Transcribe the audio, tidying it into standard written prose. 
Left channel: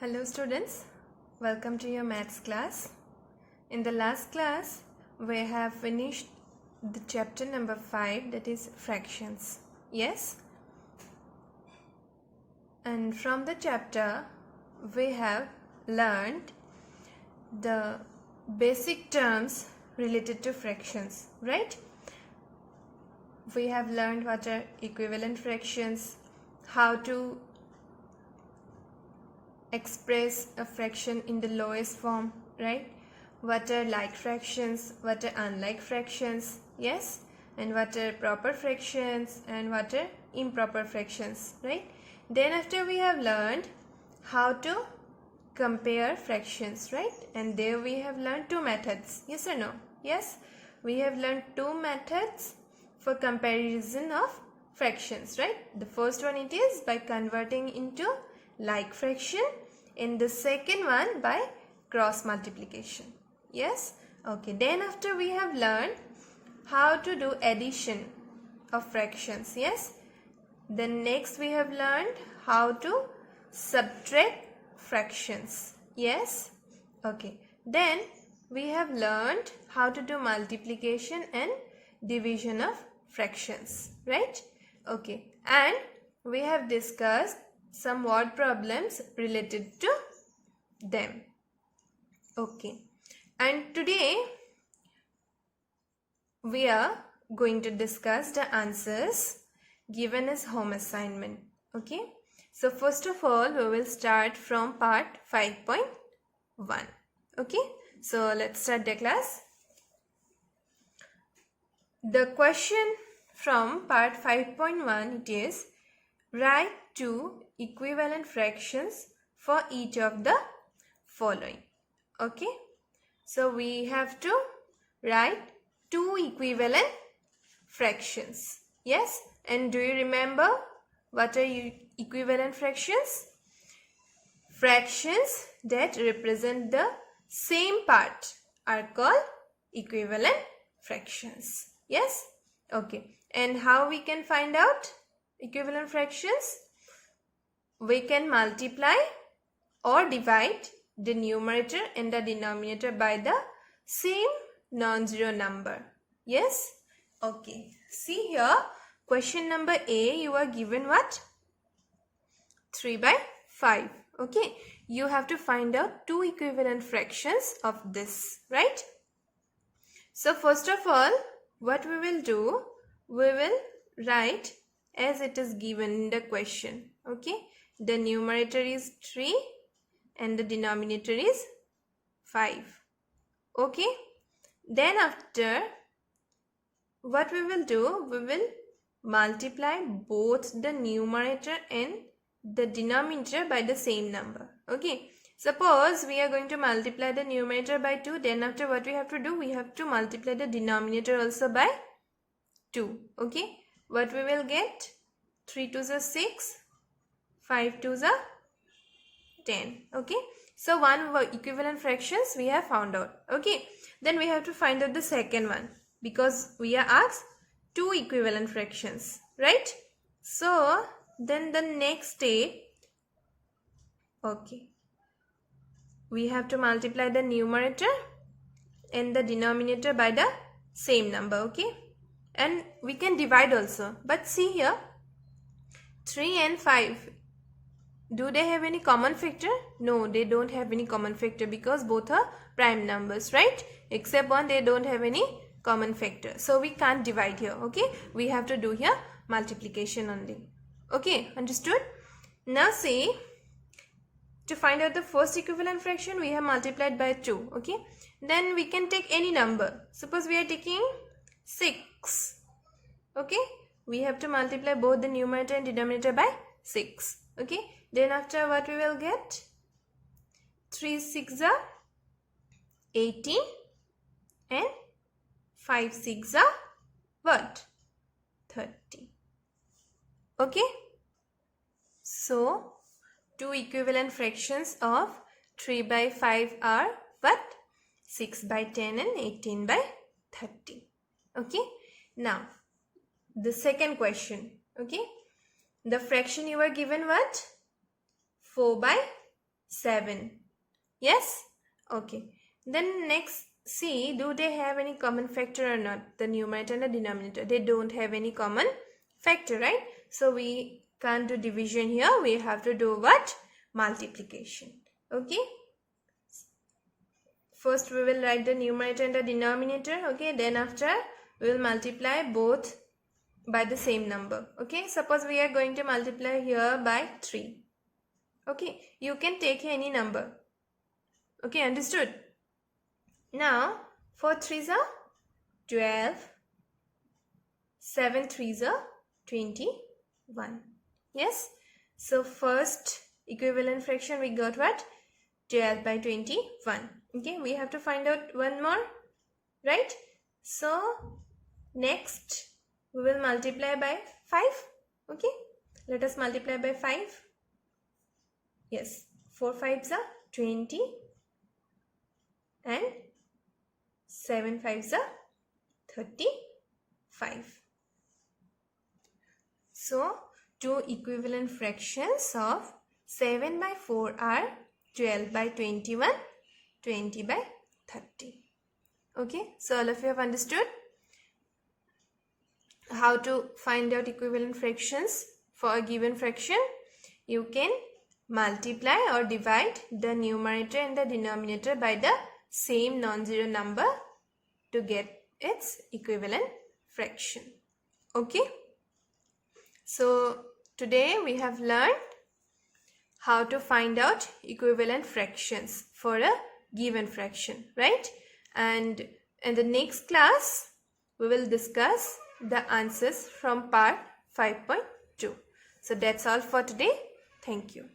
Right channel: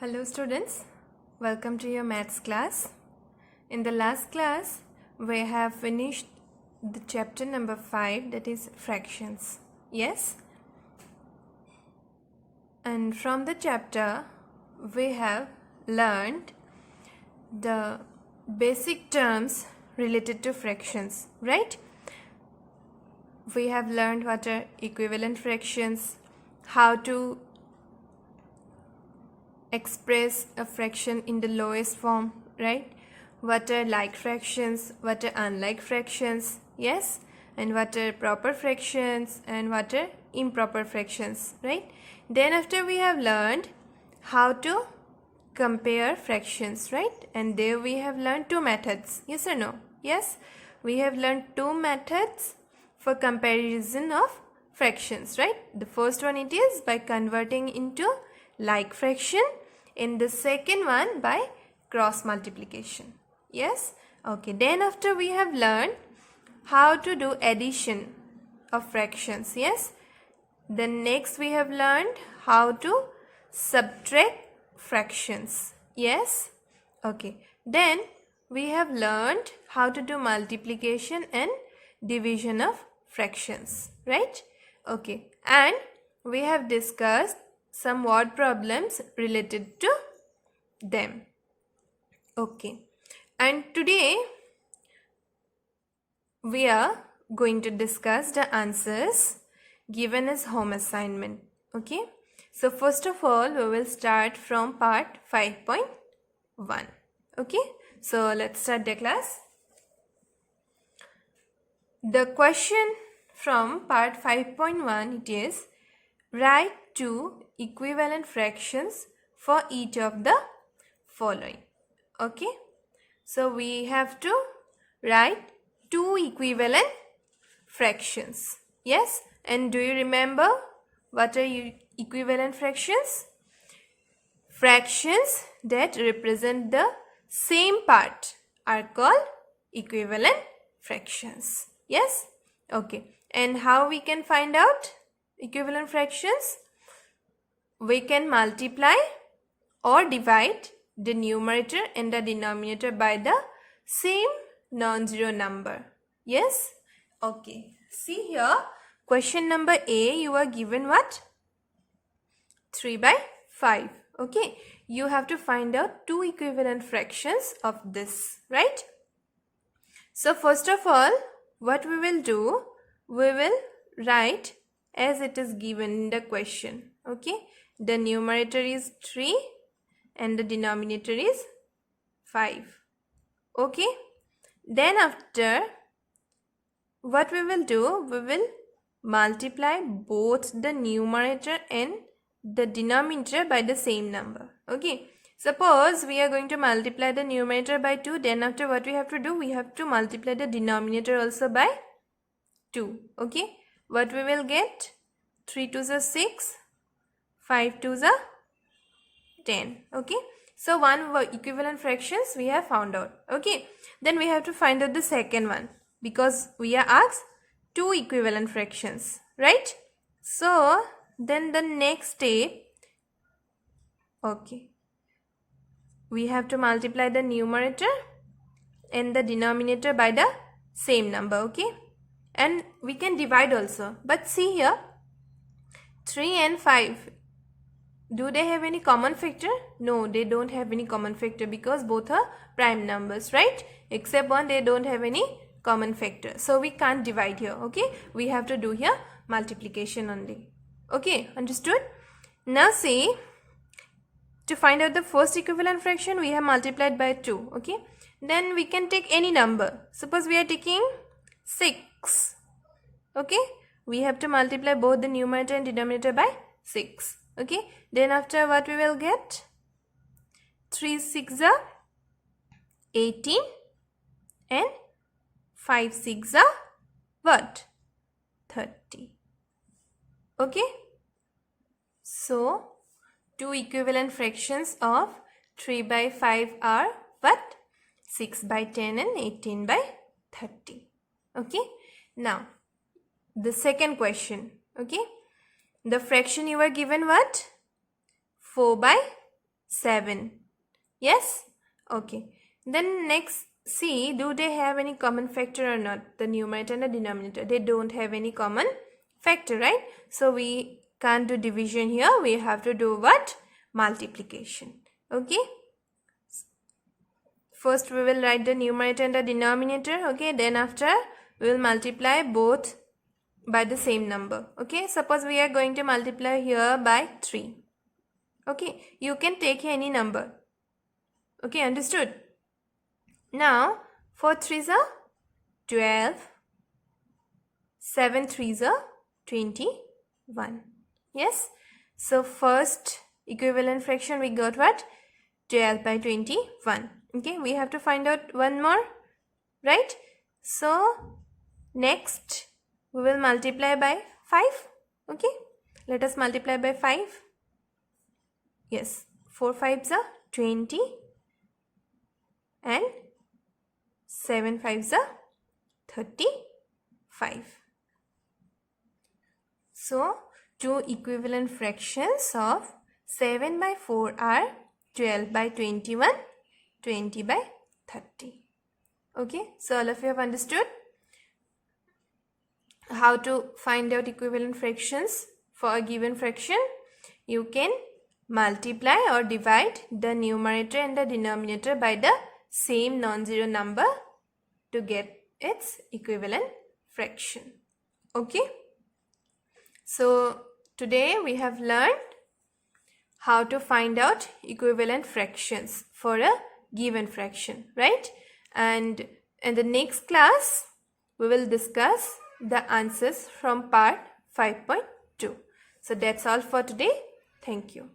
Hello students, welcome to your maths class. In the last class, we have finished the chapter number 5, that is fractions. Yes? And from the chapter, we have learned the basic terms related to fractions, right? We have learned what are equivalent fractions, how to express a fraction in the lowest form, right? What are like fractions, what are unlike fractions, yes? And what are proper fractions and what are improper fractions, right? Then after we have learned how to compare fractions, right? And there we have learned two methods, yes or no? Yes, we have learned two methods for comparison of fractions, right? The first one it is by converting into like fraction, in the second one by cross multiplication. Yes, okay. Then after we have learned how to do addition of fractions. Yes, then next we have learned how to subtract fractions. Yes, okay. Then we have learned how to do multiplication and division of fractions, right? Okay, and we have discussed some word problems related to them. Okay, and today we are going to discuss the answers given as home assignment. Okay, so first of all we will start from part 5.1. okay, so let's start the class. The question from part 5.1 it is, write two equivalent fractions for each of the following. Okay, so we have to write two equivalent fractions. Yes, and do you remember what are equivalent fractions? Fractions that represent the same part are called equivalent fractions. Yes, okay. And how we can find out equivalent fractions? We can multiply or divide the numerator and the denominator by the same non-zero number. Yes, okay. See here, question number A, you are given what? 3 by 5. Okay, you have to find out two equivalent fractions of this, right? So first of all, what we will do, we will write as it is given in the question. Okay, the numerator is 3 and the denominator is 5. Okay, then after what we will do, we will multiply both the numerator and the denominator by the same number. Okay, suppose we are going to multiply the numerator by 2, then after what we have to do, we have to multiply the denominator also by 2. Okay, what we will get? 3 2s are 6, 5 2s are 10. Okay, so one equivalent fractions we have found out. Okay, then we have to find out the second one because we are asked two equivalent fractions, right? So then the next step, okay, we have to multiply the numerator and the denominator by the same number. Okay, and we can divide also, but see here, 3 and 5, do they have any common factor? No, they don't have any common factor because both are prime numbers, right? Except one, they don't have any common factor, so we can't divide here. Okay, we have to do here multiplication only. Okay, understood? Now see, to find out the first equivalent fraction, we have multiplied by 2. Okay, then we can take any number. Suppose we are taking 6. Okay, we have to multiply both the numerator and denominator by 6. Okay, then after what we will get? 3 6 are 18 and 5 6 are what? 30. Okay, so two equivalent fractions of 3 by 5 are what? 6 by 10 and 18 by 30. Okay, now the second question. Okay, the fraction you were given what? 4 by 7. Yes? Okay. Then next, see, do they have any common factor or not? The numerator and the denominator. They don't have any common factor, right? So we can't do division here. We have to do what? Multiplication. Okay? First we will write the numerator and the denominator. Okay? Then after we will multiply both by the same number. Okay? Suppose we are going to multiply here by 3. Okay? You can take any number. Okay, understood? Now, 4 3s are 12, 7 3s are 21. Yes? So, first equivalent fraction we got what? 12 by 21. Okay, we have to find out one more, right? So, next we will multiply by 5. Okay, let us multiply by 5. Yes, 4 5s are 20. And 7 5s are 35. So, two equivalent fractions of 7 by 4 are 12 by 21, 20 by 30. Okay, so all of you have understood how to find out equivalent fractions for a given fraction. You can multiply or divide the numerator and the denominator by the same non-zero number to get its equivalent fraction. Okay, so today we have learned how to find out equivalent fractions for a given fraction, right? And in the next class we will discuss the answers from part 5.2. So that's all for today. Thank you.